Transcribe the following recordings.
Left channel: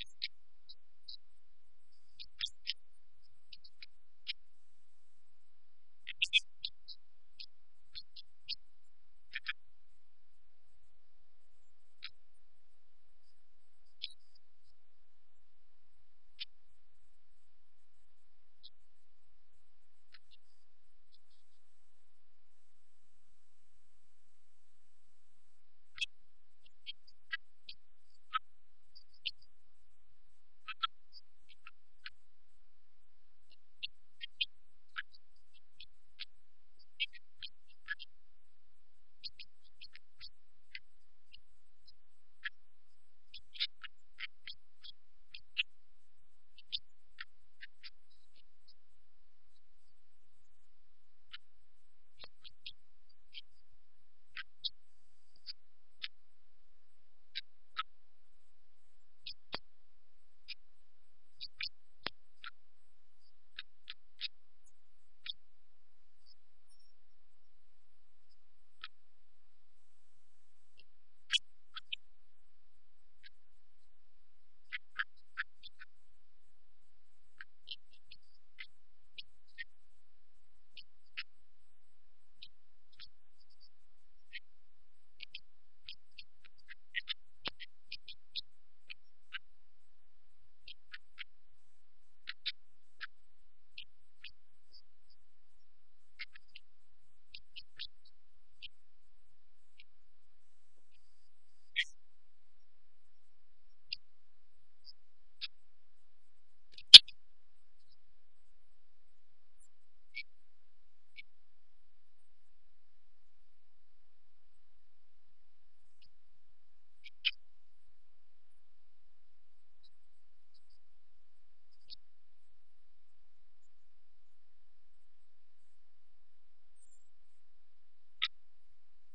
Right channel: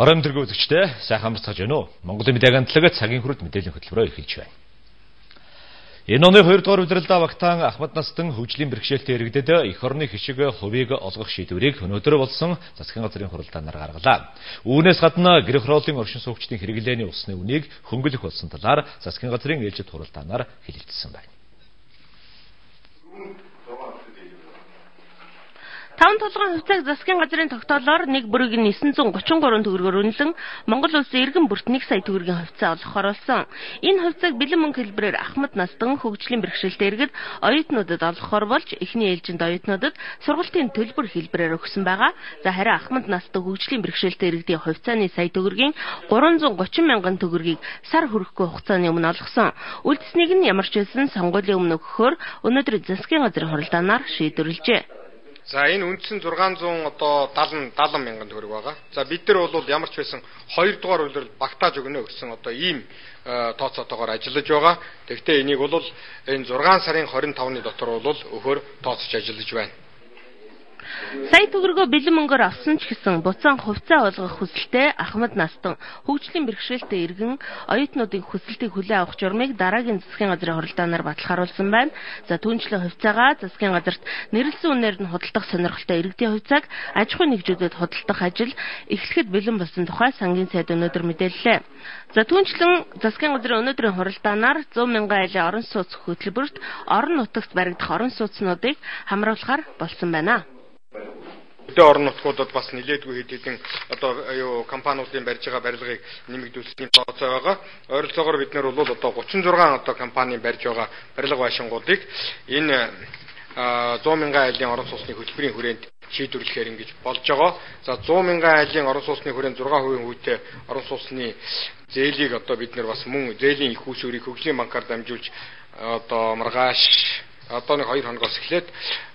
Орон төгөө үзэгчдээ сайхан амарцгааж байна уу? Монголын мэдээ агентлагт цагийн хүрэлт мэдээллийн хөтөлбөрөөр эхэлж байна. Энэ оны 2 дугаар удирдлагаа багтаан Ахмад Настан хөгжлийн бэрхшээлтэй иргэдэд эх орны хишиг хувийг олгох шийдвэрийг өнөөдөр болсон засгийн газрын хуралдаанаар гаргалаа. Үүнээс гадна гэр хорооллын оршин суугчдын хэрэглээний усны үнийг хөнгөлөх болсон талаар засгийн газрын ээлжид хуралдаанаар хэлэлцсэн байна. 5 толгойн хувьцааг засгийн газрын тогтоолоор 1 бүрийг 933 төгрөгөөр үнэлэн Монгол улсын иргэн бүрт 1 сая төгрөгийн хувьцаа олгох оруулсан. Энэ хувьцааг бэлэн мөнгө хэлбэрээр Ахмад Настан хөгжлийн бэрхшээлтэй иргэд оюутнуудад олгохоор болж эхний ээлжинд оюутнуудад сургалтын төлбөр хэлбэрээр өгсөн байгаа. За харин Ахмад Настан хөгжлийн бэрхшээлтэй иргэдийн хувьцааны сая төгрөгийн 330 мянган төгрөгийг сар хүрэхгүй хугацааны өмнө олгосон. Үлдсэнийг нь ямар ч байсан сонгуулийн өмнө өгөхөөр өнөөдөр засгийн газрын хуралдаанаар шийдвэрлэжээ. За энэ үндсэн 670 мянган төгрөг байгаа. За бид нар бол ямар ч байсан 2 дугаар үйлрэл багтааж өгнө гэсэн ийм тооцоотойгоор ажиллаж байгаа. Тэгвэл энийг бол энэ 6 сарын 25-ны дотор бол өгөхөөр тооцож ажиллаж байна. Сая төгрөгөө бэлэн мөнгөөр авсан ч гэсэн буцаан хувьцаа олгох хүсэлтэй Ахмад Настан хөгжлийн бэрхшээлтэй иргэн оюутнуудын хүсэлтийг хүлээн авах журмыг дараагийн засгийн газрын хуралдаанаар баталгаажуулсан байна. За түүнчлэн хувьцаагаа засгийн газарт нэрлсэн үнээр нь худалдах сонирхолтой иргэдийн хувьцааг аж ахуй нэгжүүдэд худалдах ажил эхлэхэд бэлэн болсон тухай сангийн сайд өнөөдөр мэдээллээ. За түүнчлэн засгийн газрын өнөөдрийн хуралдаанаар 100 мянган айлын орон сууц хөтөлбөрт орон нутагт баригдах орон сууцнуудыг хамруулахаар болсон байна. Орон нутгуудад бас нэлээдгүй хэд хэдэн компаниудын барьж байгаа барилгыг нэмэгдүүлсэн тооцоо байгаа. Ойролцоогоор бид нар бол 36 компани барьж байгаа барилга байшингуудыг энэ 100 мянган айлын орон сууцны хөтөлбөрийн хүрээнд шийдвэрлэхээр ингэж болж байгаа. За 100 мянган айлын орон сууцны хүрээнд 6% хүүтэй орон сууцны зээлийг бид нар бас мөн зээлийн их усүрийг хөгжлийн банкаар дамжуулж маргааш нэг 2 хоногоос эхлээд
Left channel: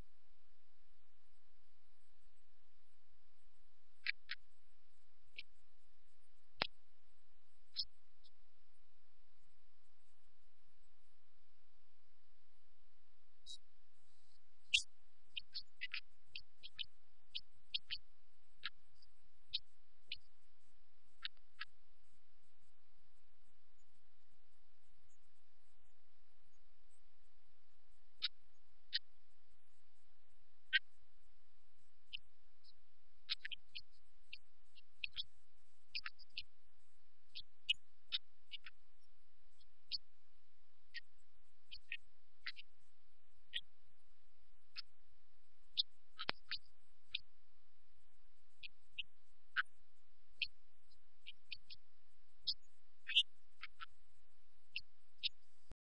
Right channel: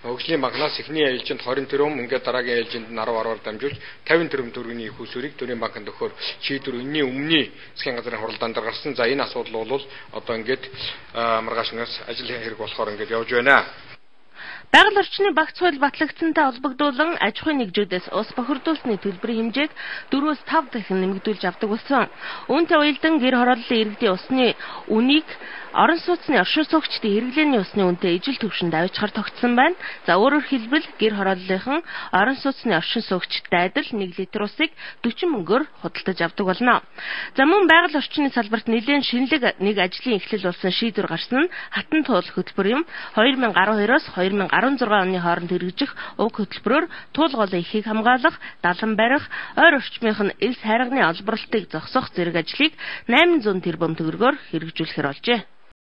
хөгжлийн банкнаас эхний ээлжинд 20 тэрбум, ингээд дараагийн ээлжинд 10-10-аар дамжуулж 50 тэрбум төгрөгийн их усүрийг төрийн банкнд өгөхөөр шийдвэр энэний өмнө засгийн газрын хуралдаанд гарсан. За энэ асуудал бол ингээд маргаашнаас ажил хэрэг болохоор ингээд явж байна. Байгаль орчны багц хууль батлагдсантай холбогдуулан аж ахуйн нэгжүүдээс ус бохирдуулсны төлбөрийн хэмжээг 4-5 дахин нэмэгдүүлж авдаг болсон. Үүнтэй уялдан гэр хорооллын иргэдийн усны үнийг орон сууцны оршин суугчдын хэрэглээний усны үнэтэй ижил түвшинд авчихаар тогтсон байна. За өөрөөр хэлбэл гэр хорооллынхан орон сууцны оршин суугчдтай адил 1 литр усыг 40 мөнгөөр худалдаж авдаг болно. За мөн байгаль орчны салбарт нэлээд шинэлэг нэг ажлын эхлэл болсон шийдвэр гарсан нь хатан туул хөтөлбөр юм. 2012-оос 2016 оны хооронд хэрэгжих уг хөтөлбөрөөр туул голын ихийг хамгаалах, далан барих, ойр орчмынх нь элс хайрганы олборлтыг зогсоох зэрэг ажлыг 800 тэрбум төгрөгөөр хэрэгжүүлэхээр болжээ.